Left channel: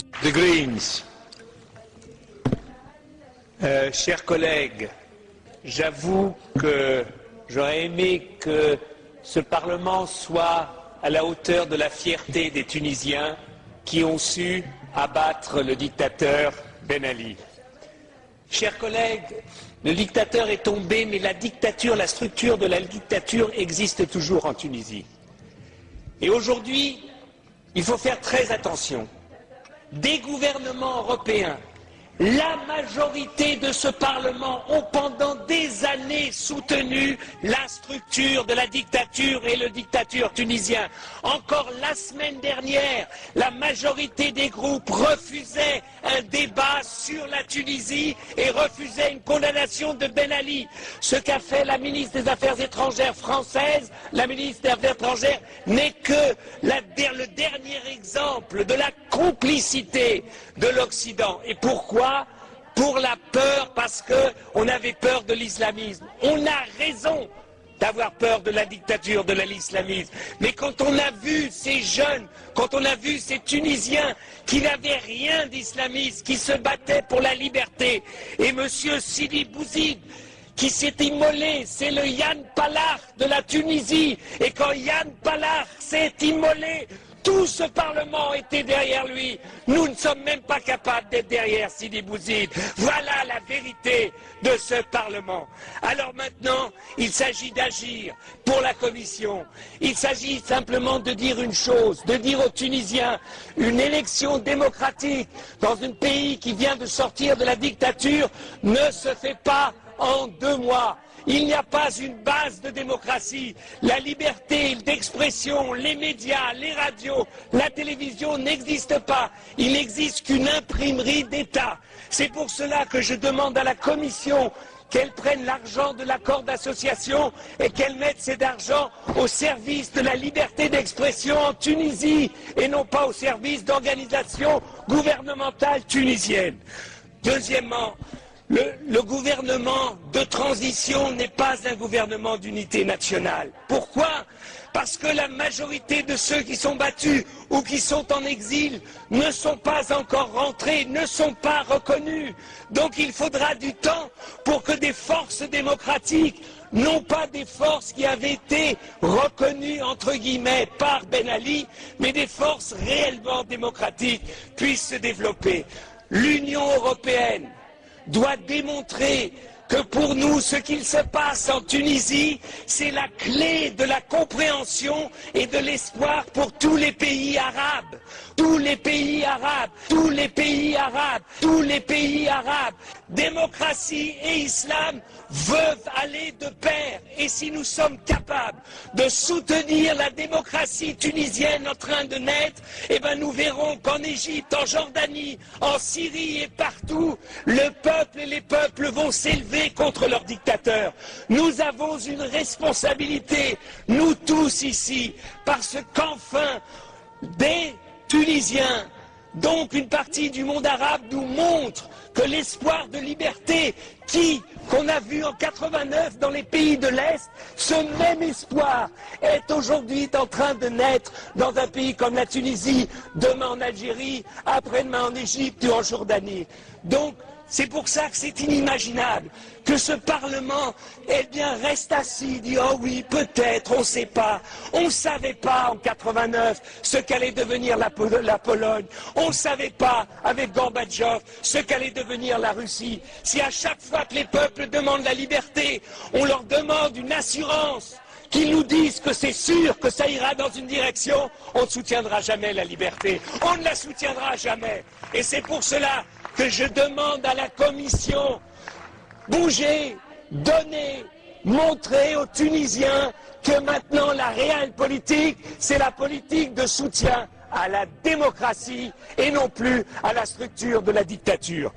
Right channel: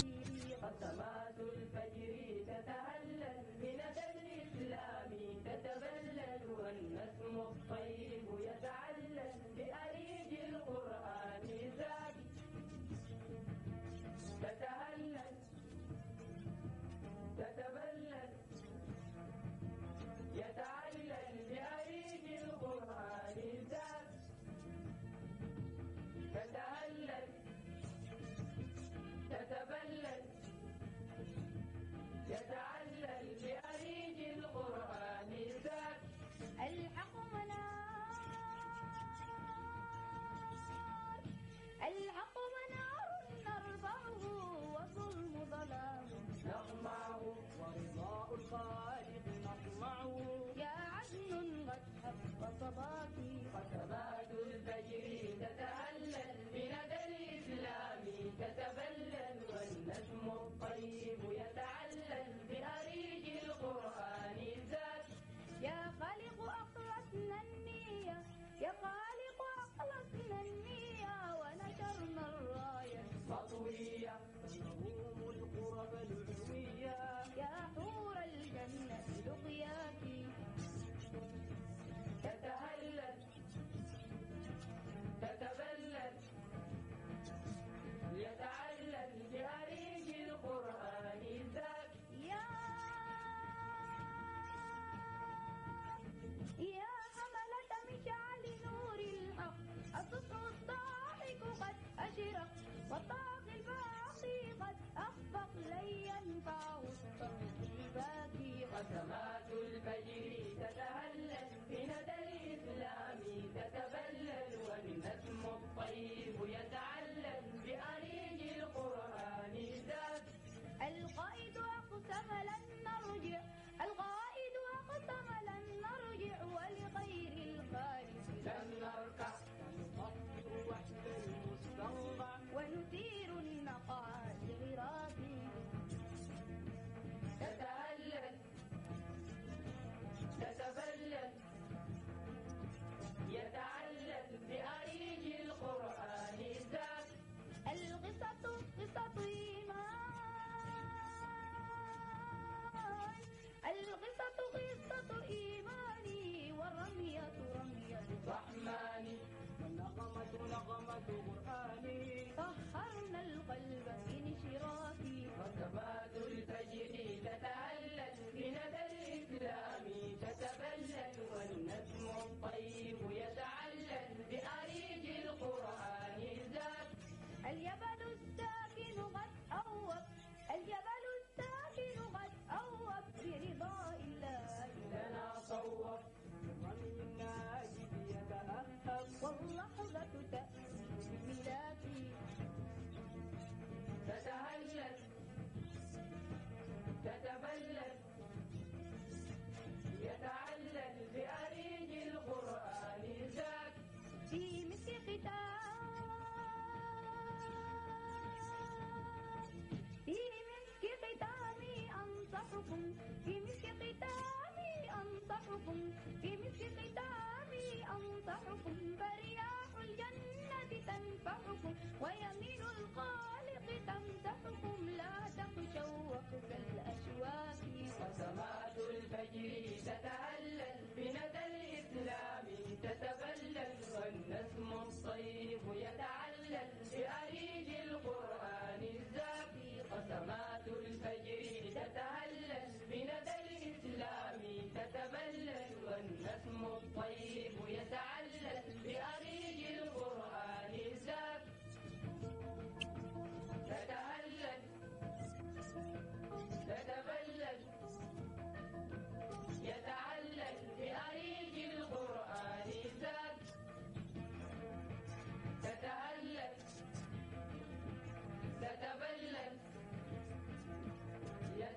The Greens. Chers collègues, j'avoue que j'aurais aimé que ce Parlement soit à la hauteur de la fierté des Tunisiens qui ont su abattre le dictateur Ben Ali. Chers collègues, le dictateur est tombé, mais la dictature, la structure de la dictature existe toujours en Tunisie. Et aujourd'hui, il faut faire très attention. Des gouvernements européens, la majorité de ce Parlement ont pendant des années soutenu la structure de la dictature et le dictateur tunisien. Encore la semaine dernière, la majorité des groupes refusaient un débat sur la Tunisie et refusaient une condamnation de Ben Ali. Ce qu'a fait la ministre des Affaires étrangères française, la ministre des Affaires étrangères, n'est que le dernier exemple de la complicité de l'Occident. Et pourquoi ? Pour la peur, parce qu'on avait peur de l'islamisme. On a raison d'avoir peur de la dictature, de l'islamisme. Mais quand on a vu ces jeunes, quand on a vu ces Tunisiens qui n'avaient rien d'islamiste, qui se battaient pour la liberté, et M. Sidi Bouzid, qui s'est immolé, c'est le Yann Palach de la Tunisie. Et quand Yann Palach s'est immolé, tout ce Parlement était derrière lui. Nous ne sommes même pas capables d'être derrière Sidi Bouzid. Voilà la vérité de ce Parlement. Alors maintenant, il s'agit d'agir pour la Commission. Il s'agit simplement de dire une chose, de dire aux Tunisiens, une élection démocratique dans un pays qui vient de sortir de la dictature ne se fait pas en 2 mois. Il n'y a pas une base de démocratie. La liberté d'expression, les médias, les radios, la télévision n'existent pas. Il n'existe qu'une imprimerie d'État. C'est pour cela que je demande à la Commission qu'elle prenne l'argent de l'accord d'association et qu'elle mette cet argent au service de la liberté d'expression en Tunisie et non pas au service d'organisations gouvernementales tunisiennes. Deuxièmement, le gouvernement de transition n'est pas un gouvernement d'unité nationale. Pourquoi ? Parce que la majorité de ceux qui sont battus ou qui sont en exil ne sont pas encore rentrés, ne sont pas reconnus. Donc il faudra du temps pour que des forces démocratiques, non pas des forces qui avaient été reconnues entre guillemets par Ben Ali, mais des forces réellement démocratiques puissent se développer. L'Union européenne doit démontrer que pour nous, ce qu'il se passe en Tunisie, c'est la clé de la compréhension et de l'espoir pour tous les pays arabes. Tous les pays arabes, tous les pays arabes, tous les pays arabes. Démocratie et islam veulent aller de pair. Et si nous sommes capables de soutenir la démocratie tunisienne en train de naître, eh ben nous verrons qu'en Égypte, en Jordanie, en Syrie et partout, le peuple et les peuples vont s'élever contre leurs dictateurs. Nous avons une responsabilité, nous tous ici, parce qu'enfin, des Tunisiens, donc une partie du monde arabe, nous montre que l'espoir de liberté qu'on a vu en 89 dans les pays de l'Est, ce même espoir est aujourd'hui en train de naître dans un pays comme la Tunisie, demain en Algérie, après-demain en Égypte ou en Jordanie. Donc, c'est pour ça que c'est inimaginable que ce Parlement, eh bien, reste assis, dit « Oh oui, peut-être, on ne sait pas. On ne savait pas en 89 ce qu'allait devenir la Pologne. On ne savait pas, avec Gorbatchev, ce qu'allait devenir la Russie. Si à chaque fois que les peuples demandent la liberté, on leur demande une assurance, qu'ils nous disent que c'est sûr que ça ira dans une direction, on ne soutiendra jamais la liberté. On ne la soutiendra jamais. Et c'est pour cela que je demande à la Commission, bougez, donnez, montrez aux Tunisiens que maintenant la réelle politique, c'est la politique de soutien à la démocratie et non plus à la structure de la dictature.